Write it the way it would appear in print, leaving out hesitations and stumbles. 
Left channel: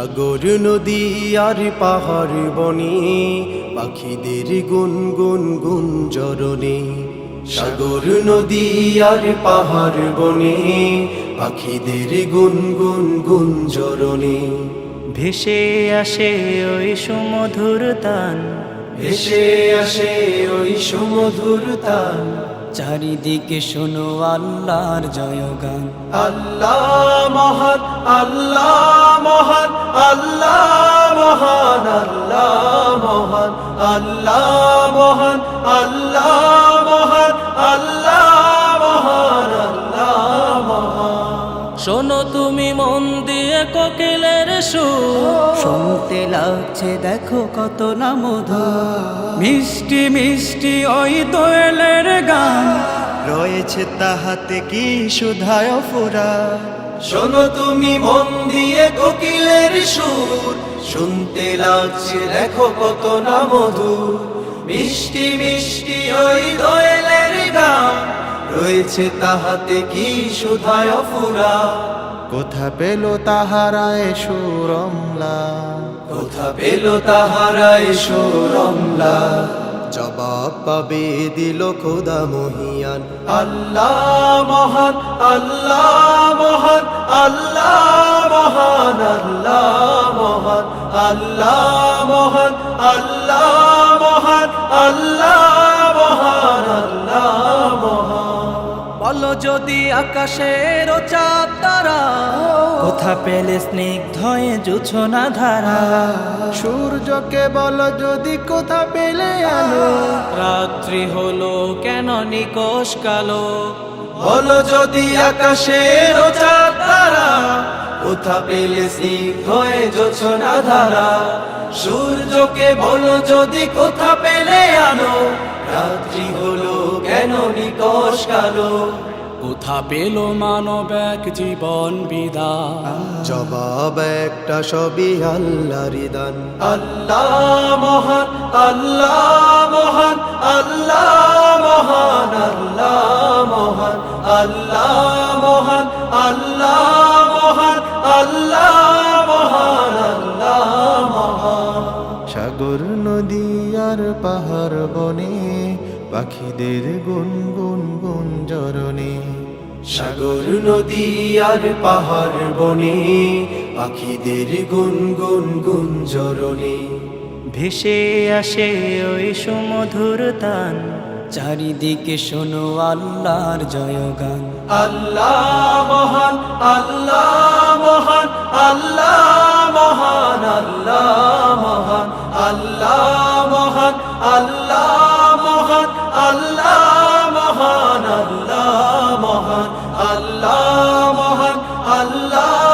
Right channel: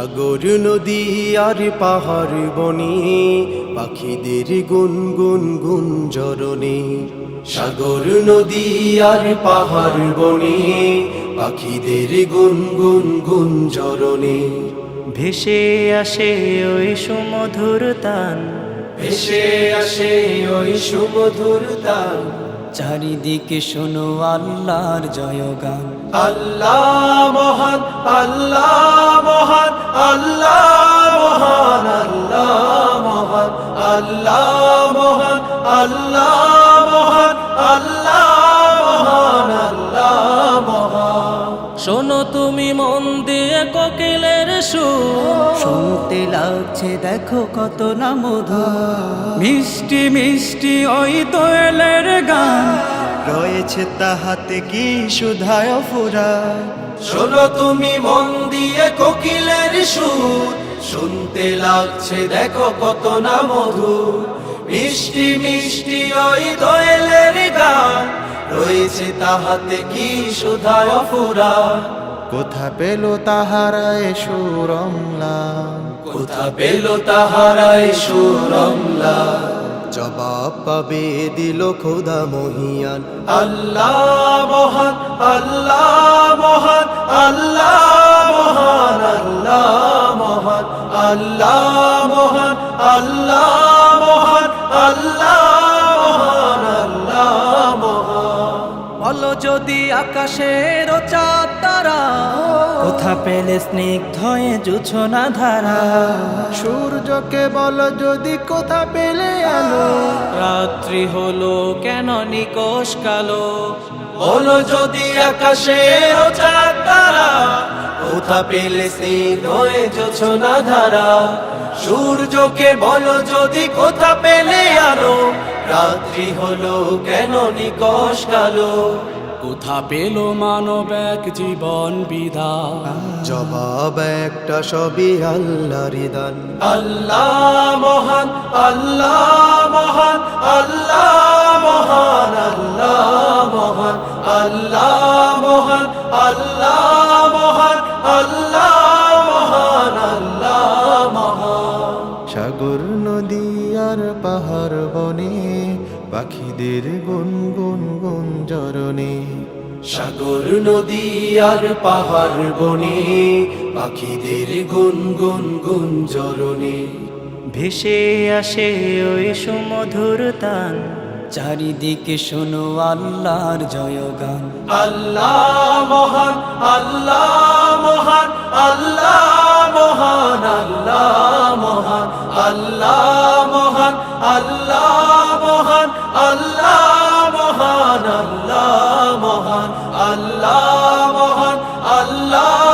সাগর নদী আর পাহাড় বনে পাখিদের গুনগুন গুঞ্জরণে। সাগর নদী আর পাহাড় বনে পাখিদের গুনগুন গুঞ্জরণে। ভেসে আসে ওই সুমধুর তান, ভেসে আসে ওই সুমধুর তান। চারিদিকে শোনো আল্লাহর জয়গান। আল্লাহ মহান, আল্লাহ মহান, আল্লাহ মহান, আল্লাহ মহান, আল্লাহ মহান, আল্লাহ মহান, আল্লাহ মহান, আল্লাহ মহান। শোনো তুমি মন দিয়ে কোকিলের সুর, শুনতে লাগছে দেখো কত না মধুর। মিষ্টি মিষ্টি ওই দোয়েলের গান, রয়েছে তাহাতে কি সুধায় ফুরা। শোনো তুমি মন দিয়ে কোকিলের সুর, শুনতে লাগছে দেখো কত না মধুর। মিষ্টি মিষ্টি ওই দোয়েলের গান, রয়েছে তাহাতে কি সুধায় ফুরা। কোথা পেল তাহারায় সুরমলা, কোথা পেল তাহারা এ সুরমলা। জবাব পাবে দিল খোদা মহিয়ান। আল্লাহ মহান, আল্লাহ মহান, আল্লাহ মহান, আল্লাহ মহান, আল্লাহ মহান, আল্লাহ মহান, আল্লাহ মহান, আল্লাহ মহান। বলো যদি আকাশের চাঁদ তারা, কোথা পেলে স্নিগ্ধ জোছনা ধারা। সূর্যকে বল যদি কোথা পেলে আলো, রাত্রি হলো কেন নিকশ কালো। বলো যদি আকাশের চাঁদ তারা, কোথা পেলে স্নিগ্ধ হয়ে জোছনা ধারা। সূর্যকে বলো যদি কোথা পেলে আলো, রাত্রি হলো কেন নিকশ কালো। কোথা পেল মানব এক জীবন বিধান, জবাব একটা সবই আল্লাহর দান। আল্লাহ মহান, আল্লাহ মহান, আল্লাহ মহান, আল্লাহ মহান, আল্লাহ মহান, আল্লাহ মহান, আল্লাহ মহান, আল্লাহ মহান। সাগর নদী আর পাহাড় বনে পাখিদের গুনগুন গুঞ্জরণে। সাগর নদী আর পাহাড় বনে পাখিদের গুনগুন গুঞ্জরণে। ভেসে আসে ওই সুমধুর তান, চারিদিকে শোনো আল্লাহর জয়গান। আল্লাহ মহান, আল্লাহ মহান, আল্লাহ মহান, আল্লাহ মহান, আল্লাহ মহান, আল্লাহ মহান, আল্লাহ মহান, আল্লাহ মহান, আল্লাহ মহান, আল্লাহ